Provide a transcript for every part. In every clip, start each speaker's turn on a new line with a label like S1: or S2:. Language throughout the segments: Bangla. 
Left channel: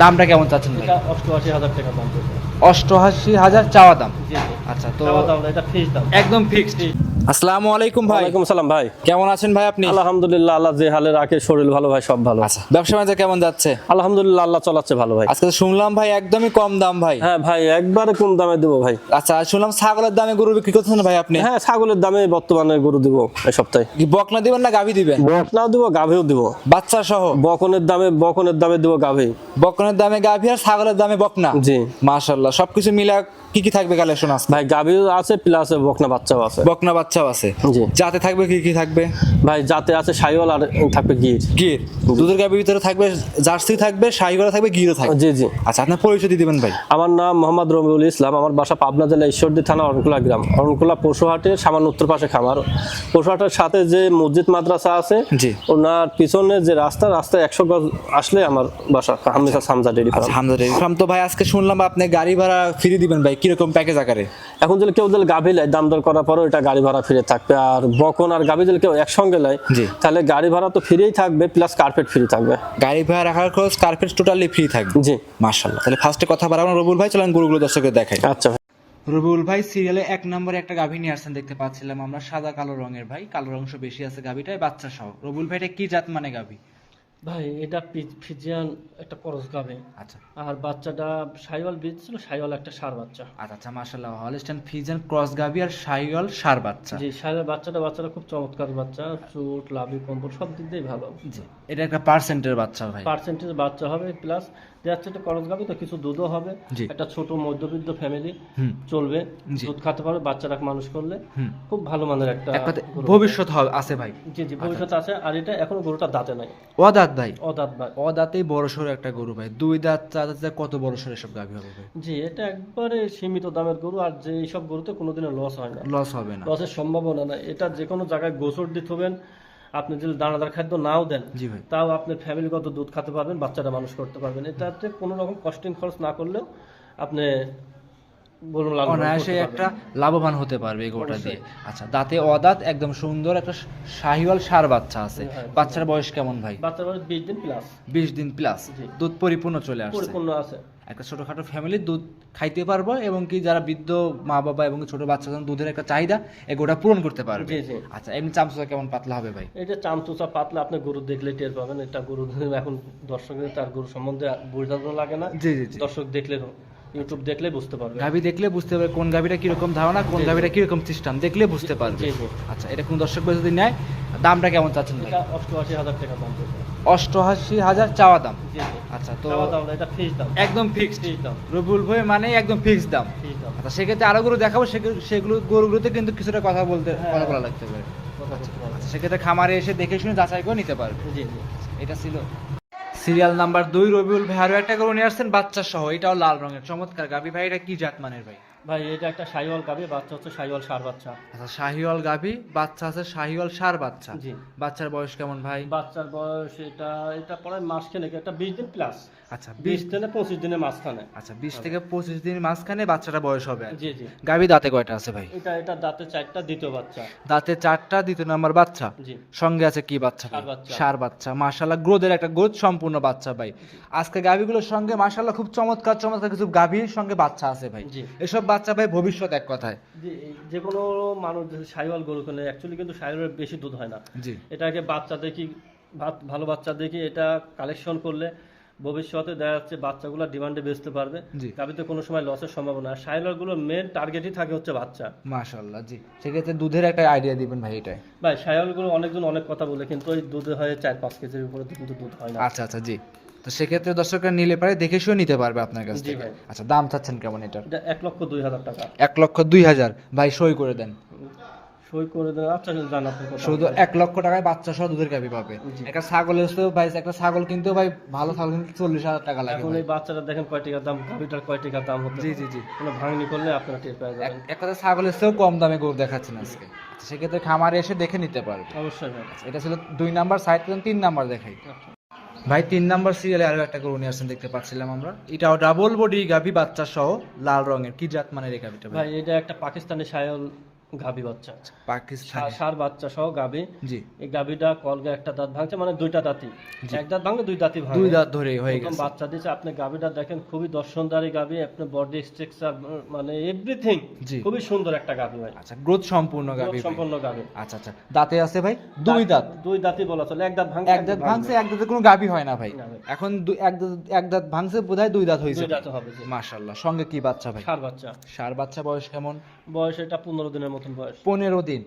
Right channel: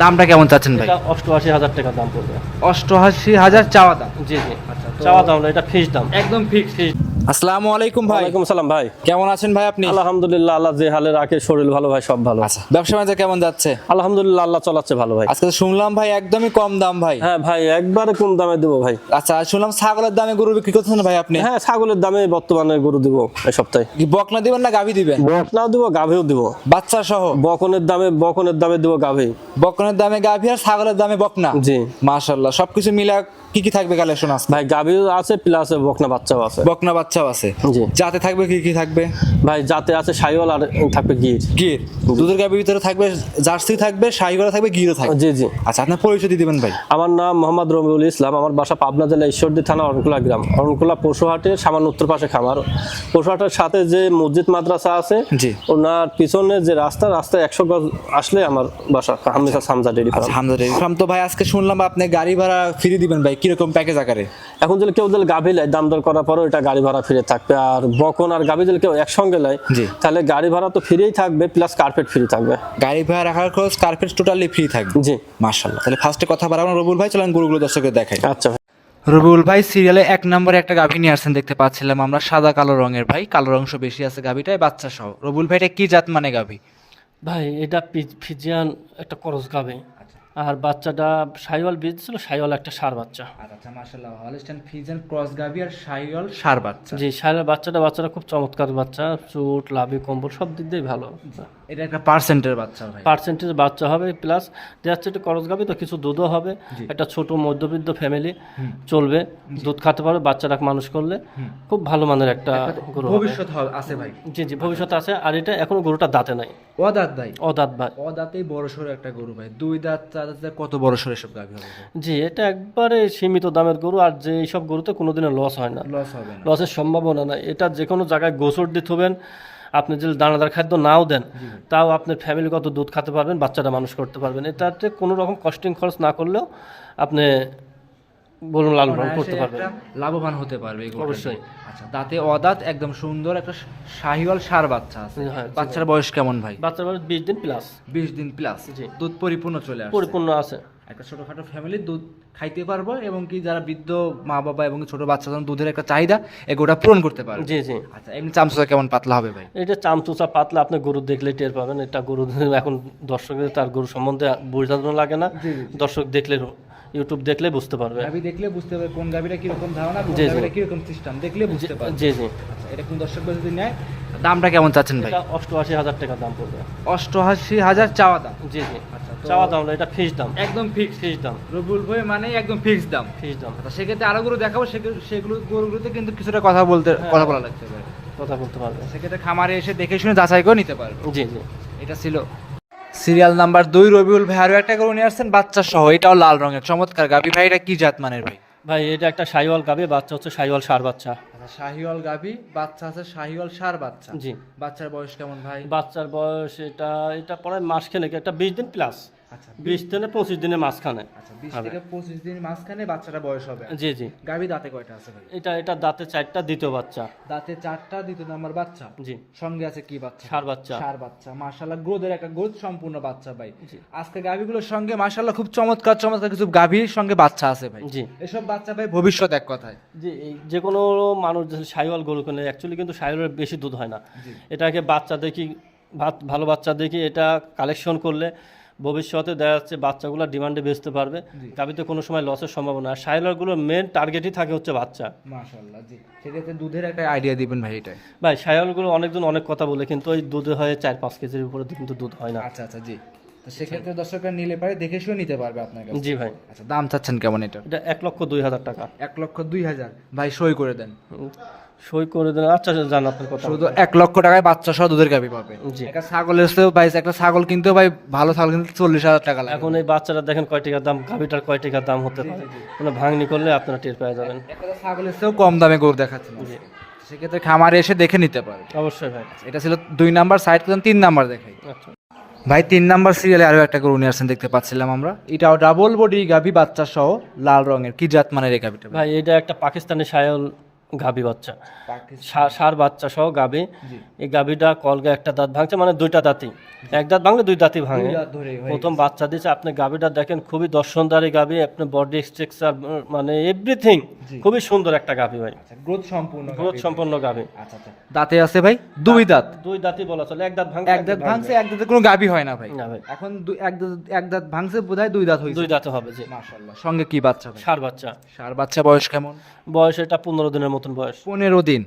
S1: দামটা কেমন চাচ্ছেন ভাই?
S2: অষ্টআশি হাজার টাকা দাম
S1: অষ্টআশি হাজার চাওয়া দাম।
S2: জি জি।
S1: আচ্ছা তো
S2: চাওয়া দাম এটা ফিক্স দাম।
S1: একদম ফিক্স আসসালামু আলাইকুম ভাই।
S3: ওয়ালাইকুম সালাম ভাই।
S1: কেমন আছেন ভাই আপনি?
S3: আলহামদুলিল্লাহ আল্লাহ যে হালে রাখে শরীর ভালো ভাই সব ভালো।
S1: আচ্ছা ব্যবসা বাণিজ্য কেমন যাচ্ছে?
S3: আলহামদুলিল্লাহ আল্লাহ চলাচ্ছে ভালো ভাই।
S1: আজকে শুনলাম ভাই একদমই কম দাম ভাই।
S3: হ্যাঁ ভাই একবারে কম দামে দেবো ভাই।
S1: আচ্ছা শুনলাম ছাগলের দামে গরু বিক্রি করছেন ভাই আপনি?
S3: হ্যাঁ ছাগলের দামে বর্তমানে গরু দিব এই সপ্তাহে।
S1: কি বকনা দিবেন না গাভি দিবেন?
S3: বকনাও দিব গাভীও দিব।
S1: বাচ্চা সহ?
S3: বকনের দামে বকনের দামে দিব গাভী।
S1: বকনের দামে গাভি আর ছাগলের দামে বকনা?
S3: জি।
S1: মাশাল্লাহ সবকিছু মিলা কি কি থাকবে কালেকশন আজকে?
S3: ভাই গাভীও আছে প্লাস বকনা বাচ্চাও আছে।
S1: বকনা বাচ্চাও আছে। যাতে থাকবে কি কি থাকবে?
S3: ভাই যাতে আছে সাইওয়াল আর থাকবে গির।
S1: গির। দুধের গাভির ভিতরে থাকবে জার্সি থাকবে শাহিগড়া থাকবে গিরও থাকবে।
S3: জি জি।
S1: আচ্ছা আপনার পরিচয় দিয়ে দিবেন ভাই।
S3: আমার নাম মোহাম্মদ রবিউল ইসলাম আমার বাসা পাবনা জেলা ঈশ্বরদী থানা অরণকুলা গ্রাম। অরণকুলা পশুহাটের সামান্য উত্তর পাশে খামার। পশুহাটের সাথে যে মসজিদ মাদ্রাসা আছে
S1: জি।
S3: ওনার পিছনে যে রাস্তা রাস্তায় একশো গজ আসলে আমার বাসা হামিসা সামজা ডেরি
S1: আচ্ছা
S3: ফার্ম।
S1: Hamza dairy farm. তো ভাই আজকে শুনলাম আপনি গাড়ি ভাড়া ফ্রি দিবেন ভাই কীরকম প্যাকেজ আকারে?
S3: এখন যদি কেউ দিলে গাভি লাই দাম দর করার পরও এটা গাড়ি ভাড়া ফিরে থাকবে আর বকন আর গাবি যদি কেউ একসঙ্গে লাই
S1: জি।
S3: তাহলে গাড়ি ভাড়া তো ফ্রিই থাকবে প্লাস কার্পেট ফ্রি থাকবে।
S1: গাড়ি ভাড়া রাখার খরচ কার্পেট টোটালি ফ্রি থাকবে।
S3: জি।
S1: মাশাআল্লাহ। তাহলে ফার্স্টে কথা বাড়াবো আমরা রবুল ভাই চলেন গরুগুলো দর্শকদের দেখাই।
S3: আচ্ছা ভাই।
S1: রবিউল ভাই সিরিয়ালে এক নম্বরে একটা গাভী নিয়ে আসছেন দেখতে পাচ্ছিলাম আমরা সাদা কালো রঙের ভাই কালো অংশ বেশি আছে গাভীটায় বাচ্চা সহ। রবুল ভাইটা কি জাত মানে গাভী?
S2: ভাই এটা ফিজিয়ান একটা করস গাবে।
S1: আচ্ছা।
S2: আর বাচ্চাটা সাইওয়াল বীজ ছিল সাইওয়াল একটা সার বাচ্চা।
S1: আচ্ছা আচ্ছা মাশাল্লাহ হলস্টাইন ফ্রিজিয়ান ক্রস গাভী আর শাহিওয়াল সার বাচ্চা।
S2: জি সাইওয়াল বাচ্চাটা বাচ্চাটা খুব চমৎকার বাচ্চা চুট লাভি কম্বল সব দিক দিয়ে ভালো।
S1: এটা একটা পার্সেন্টের বাচ্চা ভাই।
S2: পার্সেন্টেজ বাচ্চা হবে প্লাস যাচ্ছে একটা করস গাবে তো কিছু দুধও হবে। একটা ছোট মধ্যবিত্ত ফ্যামিলি চলবে দুধ খেতে পারবে বাচ্চাটাকে মানুষ করলে খুব ভালো মানের একটা
S1: ভবিষ্যৎ হবে আছে ভাই।
S2: জি জি ভবিষ্যৎ আছে আর এটা এখনও গরুটা দাঁতে নাই।
S1: অদাঁত ভাই?
S2: অদাঁত ভাই।
S1: অদাঁতেই বড় সড়ো একটা গরু ভাই। দুই দাঁত চার দাঁত কত বড় সড়ো এসব গাভী হবে
S2: জি এটা একবারে সীমিত দামের গরু আর যে এইসব গরুতে কোনোদিনও লস হয় না।
S1: লস হবে না।
S2: লসের সম্ভাবনা নাই। এটা যে কোনো জায়গায় গোসর দিতে হবেন আপনি যদি দানাদার খাদ্য নাও দেন তাও আপনার ফ্যামিলিগত দুধ খেতে পারবেন বাচ্চাটা মানুষ করতে পারবেন। এটাতে কোনো রকম কস্টিং খরচ না করলেও আপনি বলুন
S1: অনায়াসে একটা লাভবান হতে পারবে এই গরুটা দিয়ে। আচ্ছা দাঁতে অদাঁত একদম সুন্দর একটা শাহিওয়াল সার বাচ্চা আছে।
S2: হ্যাঁ, জি
S1: বাচ্চার বয়স কেমন ভাই?
S2: বিশ দিন প্লাস
S1: বিশ দিন প্লাস
S2: জি।
S1: দুধ পরিপূর্ণ চলে আসছে।
S2: পরিপূর্ণ আছে।
S1: একটা ছোটখাটো ফ্যামিলি দুধ খাইতে পারব এবং কি যারা বৃদ্ধ মা বাবা এবং ছোট বাচ্চা দুধের একটা চাহিদা এগুলোটা পূরণ করতে পারবে।
S2: জি জি।
S1: আচ্ছা এমনি চামচা কেমন পাতলা হবে ভাই?
S2: এটা চামচুচা পাতলা আপনি গরু দেখলে টের পাবেন। এটা গরু এখন দর্শকের তার গরু সম্বন্ধে বোঝানো লাগে না।
S1: জি জি জি।
S2: দর্শক দেখলে ইউটিউব দেখলে বুঝতে পারবে।
S1: গাভি দেখলে বুঝতে পারবে কোন গাভিটা কীরকম ধারণা কোন। গাভিটা কীরকম সিস্টেম দেখলে বুঝতে পারবে।
S2: জি জি।
S1: আচ্ছা এটা কোন দর্শক যদি নেয় দামটা কেমন চাচ্ছেন ভাই?
S2: এটা অষ্টআশি হাজার টাকা দাম পড়বে।
S1: অষ্টআশি হাজার চাওয়া দাম।
S2: জি জি।
S1: আচ্ছা তো
S2: চাওয়া দাম এটা ফিস দাম।
S1: একদম ফিক্স
S2: ফিস দাম।
S1: রবিউল ভাই মানে একদম ফিক্স দাম।
S2: ফিস দাম।
S1: আচ্ছা সেক্ষেত্রে আরও গরু দেখাবো সেগুলো- সেগুলো গরুগুলোতে কিন্তু কিছুটা কথা বলতে কথা বলা লাগতে পারে।
S2: কথা বলতে পারবে।
S1: সেক্ষেত্রে খামারে এসে দেখে শুনে যাচাই করে নিতে পারবে।
S2: জি জি।
S1: এটা ছিল। সিরিয়াল নাম্বার দুই রবিউল ভাই আরও একটা গরু নিয়ে আসছেন বাচ্চা সহ এটাও লাল রঙের চমৎকার গাবি। ভাই এটা কি জাত মানের ভাই?
S2: ভাই এটা একটা শাহিওয়াল গাভি বাচ্চা হচ্ছে শাহিওয়াল সার বাচ্চা।
S1: আচ্ছা শাহিওয়াল গাবি বাচ্চা আছে শাহিওয়াল সার বাচ্চা।
S2: জি।
S1: বাচ্চার বয়স কেমন ভাই?
S2: বাচ্চার বয়স এটা এটা পরে মাস খেলে একটা বিশ দিন প্লাস
S1: আচ্ছা
S2: বিশ থেকে পঁচিশ দিনের মাঝখানে।
S1: আচ্ছা বিশ থেকে পঁচিশ দিন মাঝখানে বাচ্চাটা বয়স হবে।
S2: জি জি।
S1: গাবি দাঁতে কয়টা আছে ভাই?
S2: এটা এটা দাঁতে চারটা দ্বিতীয় বাচ্চা।
S1: দাঁতে চারটা দ্বিতীয় নাম্বার বাচ্চা?
S2: জি।
S1: সঙ্গে আছে কি বাচ্চা?
S2: ষাঁড় বাচ্চা।
S1: সার বাচ্চা। মাশাল্লাহ গ্রোথের একটা গ্রোথ সম্পূর্ণ বাচ্চা ভাই। আজকে গাভিগুলোর সঙ্গে মাশাল্লাহ খুব চমৎকার চমৎকার কিছু গাভীর সঙ্গে বাচ্চা আছে ভাই।
S2: জি।
S1: এসব বাচ্চা ভাই ভবিষ্যৎ এক কথায়।
S2: যে এই যে কোনো মানুষ সাইওয়াল গরু কেনে অ্যাকচুয়ালি কিন্তু সাইওয়ালের বেশি দুধ হয় না।
S1: জি।
S2: এটাকে বাচ্চা দেখি ভালো বাচ্চা দেখি এটা কালেকশন করলে ভবিষ্যতে দেখা যাচ্ছে বাচ্চাগুলো ডিমান্ডে বেচতে পারবে।
S1: জি।
S2: গাবিতে কোনো সময় লসের সম্ভাবনা। আর সাইওয়ালগুলোর মেন টার্গেটই থাকে হচ্ছে বাচ্চা।
S1: মাশাল্লাহ জি। সেক্ষেত্রে দুধের একটা আইডিয়া দিবেন ভাই এটা
S2: ভাই সাইওয়ালগুলো অনেকজন অনেক কথা বলে কিন্তু ওই দুধে হয় চার পাঁচ কেজির উপরে কিন্তু দুধ হয় না।
S1: আচ্ছা আচ্ছা জি। তো সেক্ষেত্রে দর্শকরা নিলে পারে দেখে শুয়ে নিতে পারবে আপনার কাছে
S2: জি ভাই।
S1: আচ্ছা দাম চাচ্ছেন কেমন এটা?
S2: এটা এক লক্ষ দুই হাজার টাকা।
S1: এক লক্ষ দুই হাজার। ভাই সই করে দেন।
S2: সই করে দেন। আচ্ছা আচ্ছা, জান আপনার কথা।
S1: শুধু এক লক্ষ টাকায় বাচ্চা সহ দুধের গাভি পাবে। একটা ছাগলের চেয়েও ভাই একটা ছাগল কিনতেও ভাই ভালো ছাগল কিনতে চল্লিশ হাজার টাকা লাগে।
S2: এখন এই বাচ্চাটা দেখেন কয় টাকার দাম গাভিটার কয় টাকার দাম হতে
S1: জি জি জি।
S2: মানে ভাঙনি করলে আপনারা টের পেয়ে যাবেন।
S1: এক কথা ছাগলের চেয়েও কম দামে গরু দেখাচ্ছেন আচ্ছা, সেক্ষেত্রে খামারে এসে দেখে নিতে পারবে।
S2: অবশ্যই ভাই।
S1: এটা ছিল দুই নাম্বার সাইড তিন নাম্বার দেখাই।
S2: আচ্ছা।
S1: ভাই তিন নাম্বার সিরিয়ালে আরও একটা গরু নিয়ে আসছেন দেখতে পাচ্ছিলাম আমরা। এটাও ডাবল বডি গাভি বাচ্চা সহ লাল রঙের। কি জাত মানের এই গাভিটা ভাই?
S2: ভাই এটা একটা পাকিস্তানি সায়ল গাভী বাচ্চা। সার বাচ্চা সহ গাভী। এই গাভীটা কলগে একটা দাঁত ভাঙছে মানে দুইটা দাঁতই। এক দাঁত ভাঙলে দুই দাঁতই ভাঙে।
S1: দাঁত ধরে
S2: প্রথম বাচ্চা দিয়েছে আপনি গাভীটা দেখেন খুবই দর্শনদারি গাভী আপনার বডি স্ট্রাকচার মানে এভরিথিং খুবই সুন্দর একটা গাভী ভাই।
S1: আচ্ছা গ্রোথ সম্পূর্ণ
S2: গ্রোথ। সম্পন্ন গাভী।
S1: আচ্ছা আচ্ছা। দাঁতে আছে ভাই? দুই দাঁত
S2: দুই দাঁতই বলা চলে এক দাঁত ভাঙছে
S1: এক দাঁত ভাঙছে এক দাঁতে কোনো গাভী হয় না ভাই। এখন এক দাঁত এক দাঁত ভাঙছে বোধহয় দুই দাঁত হয়েছে।
S2: দুই দাঁতে হবে জি।
S1: মাশাআল্লাহ। সঙ্গে কি বাচ্চা ভাই?
S2: সার বাচ্চা।
S1: সার বাচ্চা বয়স কেমন?
S2: বয়স এটা পনেরো দিনের মতন বয়স।
S1: পনেরো দিন।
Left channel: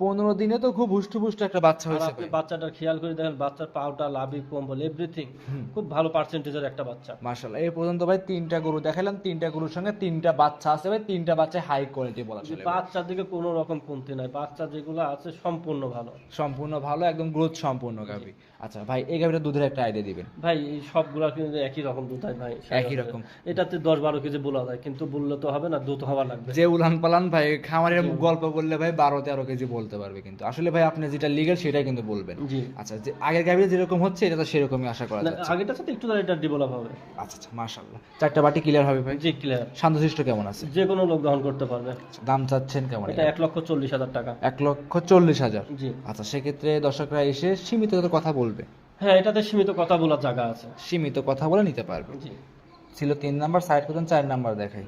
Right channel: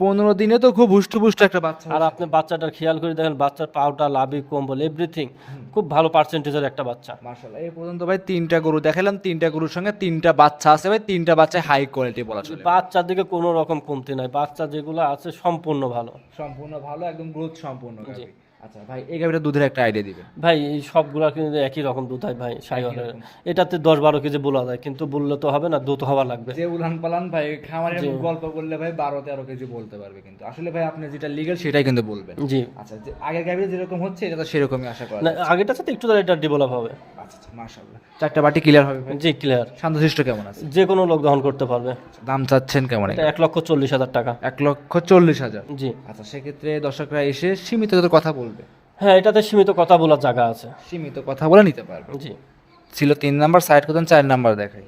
S1: পনেরো দিনে তো খুব হুষ্ট পুষ্ট একটা বাচ্চা
S2: আর আপনি বাচ্চাটার খেয়াল করে দেখেন বাচ্চার পাউটা লাভি কম্বল এভরিথিং খুব ভালো পার্সেন্টেজের একটা বাচ্চা।
S1: মাশাআল্লাহ। এই পর্যন্ত ভাই তিনটা গরু দেখালাম তিনটা গরুর সঙ্গে তিনটা বাচ্চা আছে ভাই তিনটা বাচ্চা হাই কোয়ালিটি বলা চলে
S2: বাচ্চার দিকে কোনো রকম কমতি নাই। বাচ্চা যেগুলো আছে সম্পূর্ণ ভালো।
S1: সম্পূর্ণ ভালো একদম গ্রোথ সম্পূর্ণ গাভী। আচ্ছা ভাই এই গাভীটা দুধের একটা আইডিয়া দিবেন।
S2: ভাই এই সবগুলা কিন্তু একই রকম দুধ হয় ভাই সাইওয়ালের।
S1: রকম।
S2: এটাতে দশ বারো কেজি বলা যায় কিন্তু বললে তো হবে না দুধ হওয়া লাগবে।
S1: যে উলান পালান ভাই খামারের গল্প বললে ভাই বারো তেরো কেজি বলতে পারবে কিন্তু। আসলে ভাই আপনি যেটা লিগেল সেটাই কিন্তু বলবেন।
S2: জি।
S1: আচ্ছা যে আগের গাভীর যেরকম হচ্ছে এটা তো সেরকমই আশা করা
S2: না
S1: যায়
S2: আগেটার সাথে একটু এটা ডেভেলপ হবে।
S1: আচ্ছা আচ্ছা মাশাআল্লাহ। চারটা বাটি ক্লিয়ার হবে ভাই?
S2: জি ক্লিয়ার
S1: শান্তশিষ্ট কেমন আছে?
S2: যে কোনো লোক দহন করতে পারবে।
S1: দাম চাচ্ছেন কেমন
S2: এটা এক লক্ষ চল্লিশ হাজার টাকা।
S1: এক লক্ষ চল্লিশ হাজার।
S2: জি।
S1: আচ্ছা সেক্ষেত্রে দর্শকরা এসে সীমিত কথা বলবে।
S2: হ্যাঁ এটাতে সীমিত কথা বলার জায়গা আছে।
S1: সীমিত কথা বলে নিতে পারবে।
S2: জি।
S1: ছিল তিন নাম্বার সাইড করতেন চার নাম্বার দেখাই।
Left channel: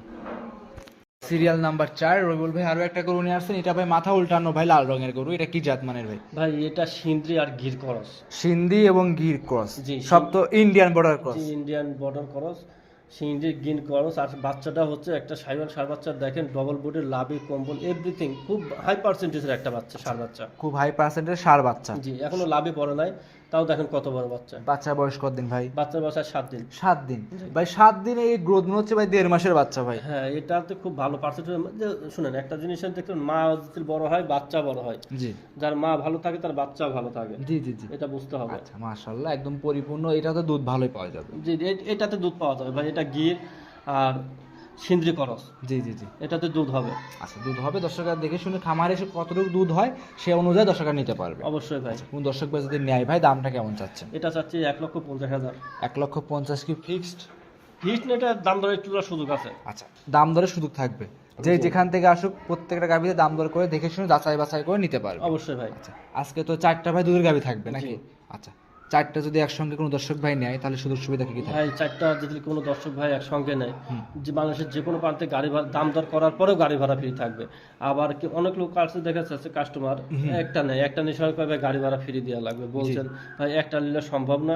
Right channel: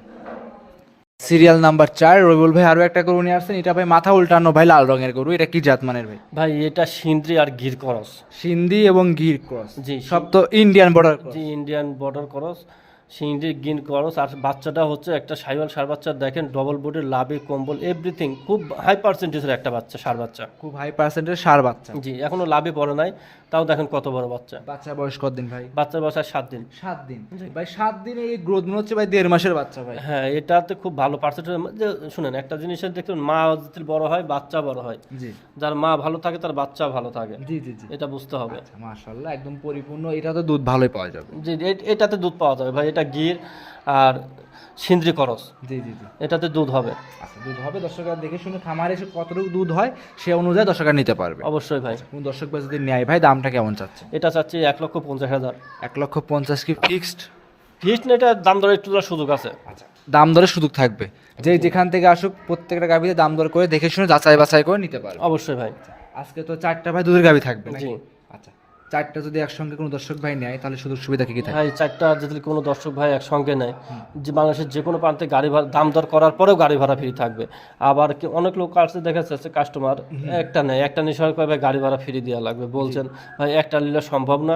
S1: সিরিয়াল নাম্বার চার রবিউল ভাই আরও একটা গরু নিয়ে আসছেন। এটা ভাই মাথা উল্টানো ভাই লাল রঙের গরু। এটা কি জাত মানের ভাই?
S2: ভাই এটা সিন্দ্রি আর গির করস।
S1: সিন্ধি এবং গির ক্রস।
S2: জি।
S1: সব তো ইন্ডিয়ান বর্ডার ক্রস।
S2: জি ইন্ডিয়ান বর্ডার করস। সিন্দ্রি গিন করস। আর বাচ্চাটা হচ্ছে একটা সাইওয়াল সার বাচ্চা। দেখেন ডবল বডির লাভি কম্বল এভরিথিং খুব হাই পার্সেন্টেজের একটা বাচ্চা সার বাচ্চা।
S1: খুব হাই পার্সেন্টের সার বাচ্চা।
S2: জি এখনও লাভে পড়ে নাই। তাও দেখেন কত বড় বাচ্চা।
S1: বাচ্চা বয়স কতদিন ভাই?
S2: বাচ্চার বয়স আর সাত দিন
S1: সাত দিন ভাই সাত দিনে এই গ্রোথ মনে হচ্ছে ভাই দেড় মাসের বাচ্চা ভাই।
S2: হ্যাঁ এটাতে খুব ভালো পার্সেন্টেজ শুনেন একটা জিনিসের দেখুন মা যদি বড় হয় বাচ্চা বড় হয়।
S1: জি।
S2: যার মা ভালো থাকে তার বাচ্চা ভালো থাকে।
S1: জি জি জি।
S2: এটা বুঝতে হবে।
S1: আচ্ছা মাশাআল্লাহ একদম পরিপূর্ণ এটা তো দুধ ভালোই পাওয়া যাবে।
S2: জি এটাতে দুধ পাওয়া যাবে ভাই এটা গির আর সিন্দ্রি করস।
S1: জি জি জি।
S2: এটাতে দুধ হবে।
S1: আচ্ছা দুধ হবে। দর্শকরা দেখে শুনে খামারে এসে কতটুকু দুধ হয় সে অনুযায়ী দর্শকরা নিতে পারবে।
S2: অবশ্যই ভাই।
S1: কোন দর্শক ভাই যদি নেয় ভাই দামটা কেমন চাচ্ছে?
S2: এটা চাচ্ছি এক লক্ষ পঞ্চাশ হাজার।
S1: এক লক্ষ পঞ্চাশ কি ফিক্সড
S2: ফিক্সড এটা দাম দরে একটু সুযোগ আছে।
S1: আচ্ছা দাম দরে সুযোগ থাকবে। যে যেখান থেকে আসুক প্রত্যেকটা গাভিতে দাম দর করে দেখে শুনে যাচাই বাছাই করে নিতে পারবে।
S2: অবশ্যই ভাই।
S1: আজকে তো চারটা ভাই দুধের গাভি থাকবে নাকি? আচ্ছা চারটা যদি একসঙ্গে কোনো দর্শক ভাই নেয় তাহলে সুযোগ সুবিধা কী কি থাকে?
S2: ভাই চারটা যদি কোনো দর্শক ভাই একসঙ্গে নেয় যে বাংলাদেশের যে কোনো প্রান্তে গাড়ি ভাড়া দাম দর করার পরেও গাড়ি ভাড়া ফ্রি থাকবে। আবার কি অনেক লোক আসতে দেখা যাচ্ছে কাস্টমার একটা নেয় একটা নিয়ে ভাই গাড়ি ভাড়া ফ্রি দেওয়া লাগবে। বলছেন ভাই একটা নিলে সম্ভব না।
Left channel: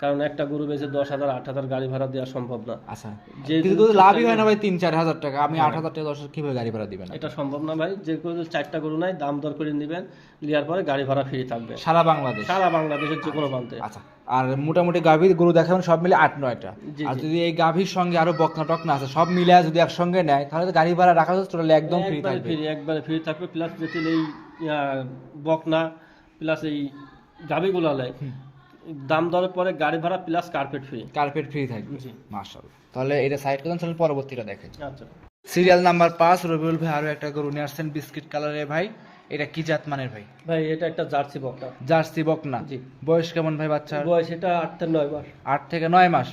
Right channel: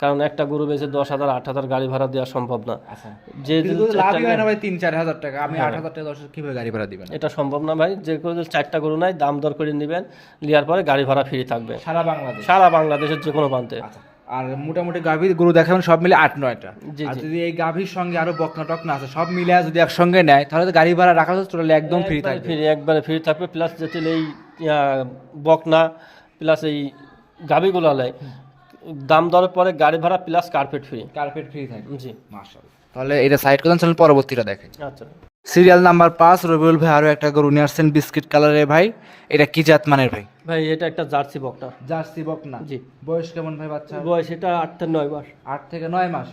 S2: কারণ একটা গরু বেচে দশ হাজার আট হাজার গাড়ি ভাড়া দেওয়া সম্ভব না।
S1: আচ্ছা।
S2: যে
S1: লাভই হয় না ভাই তিন চার হাজার টাকা। আমি আট হাজার টাকা দর্শক কীভাবে গাড়ি ভাড়া দিবেন?
S2: এটা সম্ভব না ভাই যে কোনো চারটা গরু নাই দাম দর করে নেবেন নেওয়ার পরে গাড়ি ভাড়া ফ্রি থাকবে।
S1: সারা বাংলাদেশ?
S2: সারা বাংলাদেশের যে কোনো প্রান্তে।
S1: আচ্ছা আর মোটামুটি গাভীর গরু দেখাবেন সব মিলে আট নয়টা। আর যদি এই গাভীর সঙ্গে আরও বকনা টকনা আছে সব মিলে যদি একসঙ্গে নেয় তাহলে তো গাড়ি ভাড়া রাখা হচ্ছে টোটালি একদম ফ্রি থাকবে।
S2: ফ্রি একবারে ফ্রি থাকবে প্লাস যেতে এই বকনা প্লাস এই গাভীগুলো লাই দাম দরের পরে গাড়ি ভাড়া plus carpet free
S1: carpet free থাকবে
S2: জি।
S1: মাশাআল্লাহ। তাহলে এটা সাইড করেন চ্যানেল পরবর্তীটা দেখাই
S2: আচ্ছা।
S1: সিরিয়াল নাম্বার পাঁচ রবিউল ভাই আরও একটা গরু নিয়ে আসছেন বিস্কিট কালারের ভাই। এটা কি জাত মানের ভাই?
S2: ভাই এটা একটা জার্সি বকনা।
S1: জার্সি বক না
S2: জি।
S1: বয়স কেমন ভাই বাচ্চা
S2: বয়স এটা আট থেকে নয় মাস।
S1: আট থেকে নয় মাস।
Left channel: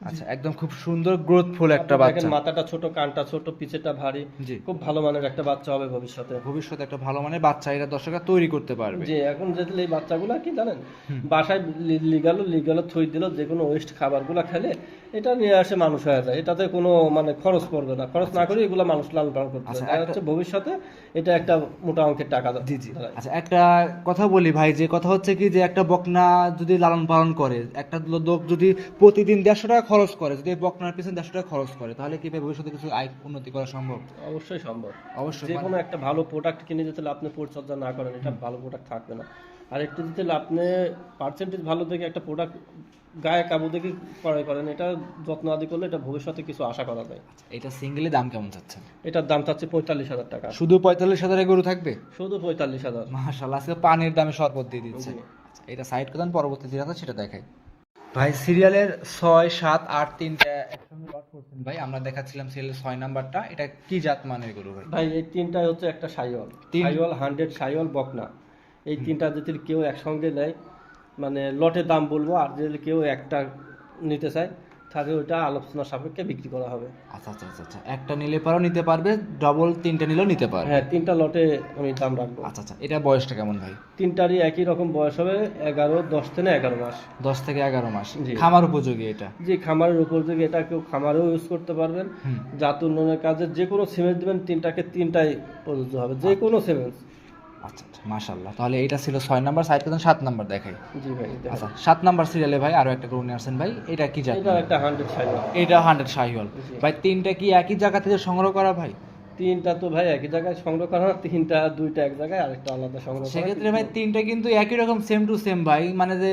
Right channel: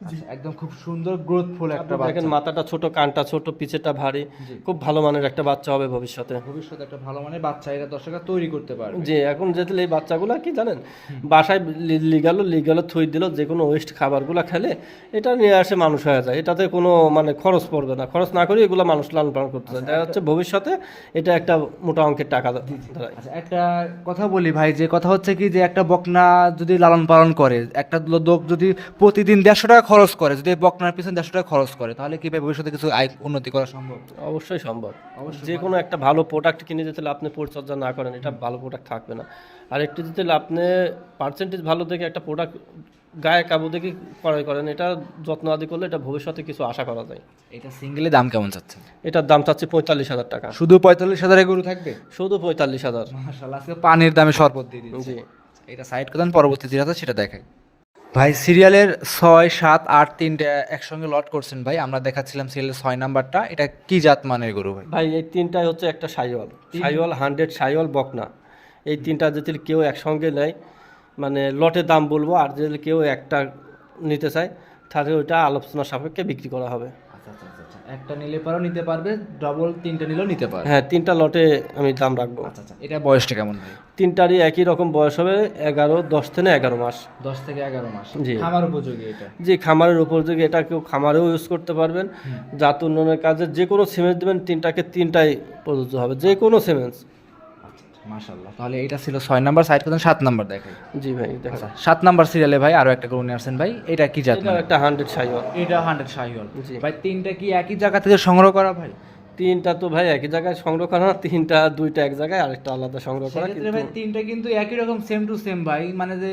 S1: আচ্ছা একদম খুব সুন্দর গ্রোথফুল একটা বাচ্চা।
S2: মাথাটা ছোট কানটা ছোট পিছেটা ভারী। খুব ভালো মানের একটা বাচ্চা হবে ভবিষ্যতে।
S1: ভবিষ্যতে একটা ভালো মানের বাচ্চা এটা দর্শকরা তৈরি করতে পারবে।
S2: যে এখন যেতে এই বাচ্চাগুলো কি জানেন? বাসায় লিগালো লিগালো থই দিল যে কোনো ওয়েস্ট খাবারগুলো খেলে এটা নিয়ে আসে মানুষ হয়ে যায়। এটাতে কোনো মানে খরচ পড়বে না। খরচ না করে এগুলো মানুষ লালন পালন করতে চায়। দেখা যাচ্ছে ভবিষ্যতে এটা একটা মোটা অঙ্কের টাকা
S1: জি জি। আচ্ছা একটা কথা বলি ভাই যে কথা হচ্ছে কি যে একটা বকনা যদি লালন পালন করে একটা লোক যদি প্রতিদিন দেড়শো টাকা খরচ করে যদি বকনার পিছনে দেড়শো টাকা খরচ করে তাহলে কি ভবিষ্যতে কিছু আয় উন্নতি করা সম্ভব?
S2: অবশ্যই সম্ভব।
S1: অবশ্যই
S2: যে কোনো একটা ভালো প্রোডাক্ট কিনে যেতে আপনি পরিচর্যা না করেন এটা ভালো প্রোডাক্ট থাকবে না। আর একটু যদি আপনি পার্সেন্টেজ ভালো দেখে একটা প্রোডাক্ট গায়ে কাবু দেখে ক্রয় করেন এটা যত্ন আদি করলে এটা ভবিষ্যতে কিছু আশা করা যায়।
S1: এটা সিঙ্গেলে দাম কেমন চাচ্ছে?
S2: এটার দাম চাচ্ছে পঁয়তাল্লিশ হাজার টাকা।
S1: শুধু পঁয়তাল্লিশ হাজারে গরু থাকবে?
S2: শুধু পঁয়তাল্লিশ হাজার।
S1: মাশাল্লাহ আজকে পানির দামে শরবত দিয়ে দিচ্ছে এটা সাইড করেন পরবর্তী যেটা সেটা দেখাই। ভাই সিরিয়ালের ছয় সাত আট তিনটা একসঙ্গে লট করছেন ভাই। আমরা দেখাচ্ছিলাম সিরিয়ালের ছয় নাম্বারটা। এটা কি জাত মানের গরু ভাই?
S2: ভাই এই তিনটাই হচ্ছে একটা সাইওয়াল। সাইওয়াল হান্ড্রেড সাইওয়াল বকনা। এই তিনটা যদি কেউ একসঙ্গে নেয় মানে লটের দাম বলব আর যদি কেউ একটা নিতে চায় থাকে ওইটা আলোচনা সাপেক্ষে বিক্রি করা হবে।
S1: আচ্ছা আচ্ছা আচ্ছা আচ্ছা। একটা নিলে পরেও নিতে পারবে ডবল তিনটা নিলেও নিতে পারবে।
S2: হ্যাঁ তিনটা লটে আমি দাম রাখব।
S1: আচ্ছা আচ্ছা এটা বয়সটা কেমন ভাই?
S2: তিনটারই একই রকম বয়স হবে এগারো দশ থেকে এগারো মাস।
S1: দশ থেকে এগারো মাস।
S2: জি।
S1: খামার উপযোগী এটা?
S2: যে খামারের উপযোগী এটা কেউ খামারেও ইউজ করতে পারবেন। জাত উন্নয়নের কাজে যে কোনো সিমেন্ট দেবেন তিনটাকে তিনটাই প্রযোজ্য হবে যে কোনো সিমেন্ট
S1: আচ্ছা আচ্ছা মাশাল্লাহ তাহলে এটা ছিল ছয় নাম্বার সাইড করতেন সাত নাম্বার দেখাই।
S2: জি ভাই।
S1: আচ্ছা সাত নাম্বার সিরিয়ালে ভাই আরও একটা গরু নিয়ে আসছেন ভাই এটা কি জাত
S2: এটা একটা হান্ড্রেড সাইজ
S1: এটা হান্ড্রেড শাহিওয়াল। ভাই তিনটা কি একই জায়গা থেকে সংগ্রহ করা ভাই?
S2: তিনটা তো ভাই একই জায়গায় সংগ্রহ করা না, তিনটা দুইটা এক জায়গায় আরেকটা আলাদা সংগ্রহ করা
S1: সেক্ষেত্রে ভাই তিনটা কিন্তু একই রকম সেম টু সেম ভাই মানে যে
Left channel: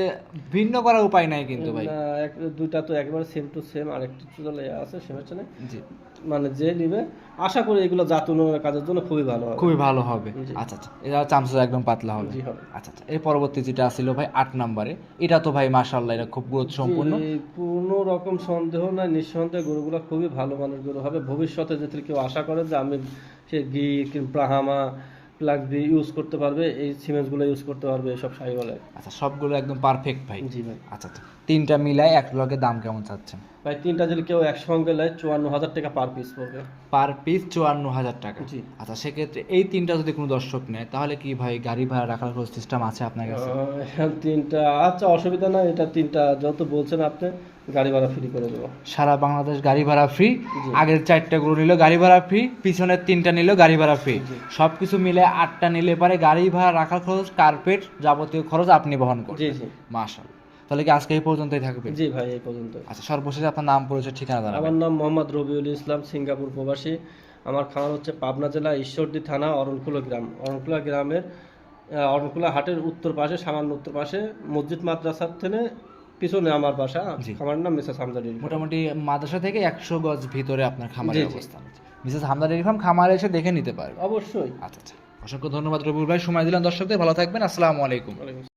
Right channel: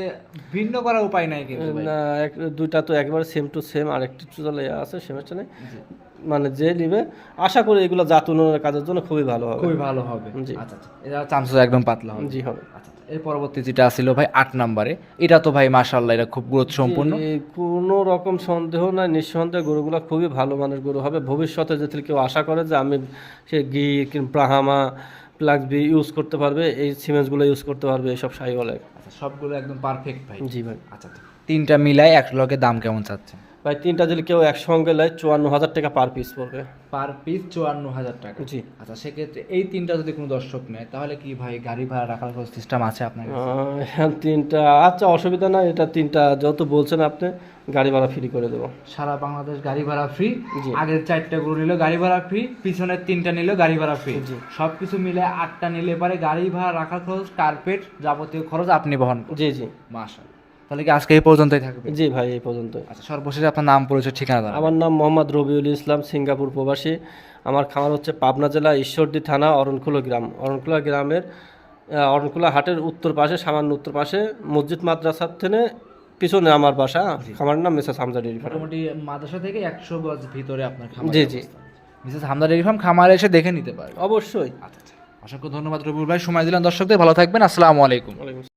S1: ভিন্ন করার উপায় নাই কিন্তু ভাই।
S2: না, দুইটা তো একবারে সেম টু সেম আর একটু চলে আছে সেমের নেই
S1: জি।
S2: মানে যে নিবে আশা করি এগুলো জাত উন্নয়নের কাজের জন্য খুবই ভালো হবে।
S1: খুবই ভালো হবে। আচ্ছা আচ্ছা। এটা একদম পাতলা হবে।
S2: জি হবে।
S1: আচ্ছা আচ্ছা। এর পরবর্তী যেটা ছিল ভাই আট নাম্বারে এটা তো ভাই মাশাল্লাহ এটা খুব গুরুত্ব সম্পূর্ণ
S2: কোনো রকম সন্দেহ নাই নিঃসন্দেহে গরুগুলো খুবই ভালো মানের গরু হবে। ভবিষ্যতে যদি কেউ আশা করে যে আমি সে ঘি কিংবা ব্রাহামা প্লাস বি ইউজ করতে পারবে এই সিমেন্টসগুলো ইউজ করতে পারবে এইসব সাই বলে।
S1: আচ্ছা সবগুলো একদম পারফেক্ট ভাই।
S2: জি ভাই।
S1: আচ্ছা আচ্ছা। তিনটা মিলাই এক লগে দাম কেমন চাচ্ছেন?
S2: ভাই তিনটা যদি কেউ একসঙ্গে নেয় চুয়ান্ন হাজার টাকা পার পিস পড়বে।
S1: পার পিস চুয়ান্ন হাজার টাকা?
S2: জি।
S1: আচ্ছা সেক্ষেত্রে এই তিনটা যদি কোনো দর্শক নেয় তাহলে কি ভাই গাড়ি ভাড়া রাখার কোনো সিস্টেম আছে আপনার কাছে?
S2: আহ, তিনটা আচ্ছা অসুবিধা নাই এটা তিনটা যেহেতু বলছেন আপনি গাড়ি ভাড়া ফ্রি করে দেবো।
S1: সারা বাংলাদেশ গাড়ি ভাড়া ফ্রি আগের চারটা গরু নিলে গাড়ি ভাড়া ফ্রি পিছনের তিনটা নিলেও গাড়ি ভাড়া ফ্রি সব কিছু মিলে আটটা নিলে পরে গাড়ি ভাড়া রাখার খরচ কার্পেট যাবতীয় খরচ আপনি বহন করুন।
S2: জি জি।
S1: মাশাল তাহলে কি আজকে এই পর্যন্তই থাকবে?
S2: জি ভাই এই পর্যন্ত
S1: আচ্ছা সর্বশেষে আপনার নাম পরিচয় ঠিকানা জানাবেন।
S2: আমার নাম মোহাম্মদ রবিউল ইসলাম সিঙ্গাপুর প্রবাসী। আমার খামার হচ্ছে পাবনা জেলা ঈশ্বরদী থানা অরণকুলো গ্রাম। অরণকুলা গ্রামের অরণকুলা হাটের উত্তর পাশে সামান্য উত্তর পাশে মসজিদ মাদ্রাসার থেকে পিছনে আমার বাসা। খামারের নাম মিসেস হামজা ফার্ম।
S1: মোটামুটি মাদ্রাসা থেকে একশো গজ ভিতরে আপনার খামার
S2: জি, জি।
S1: মিসেস হামদা ডেয়ারি ফার্ম খামারে এসে দেখে নিতে পারবে
S2: অবশ্যই।
S1: আচ্ছা আচ্ছা। অসংখ্য ধন্যবাদ রবিউল ভাই সময় দিলেন দর্শকদের ভালো থাকবেন আসসালামু আলাইকুম।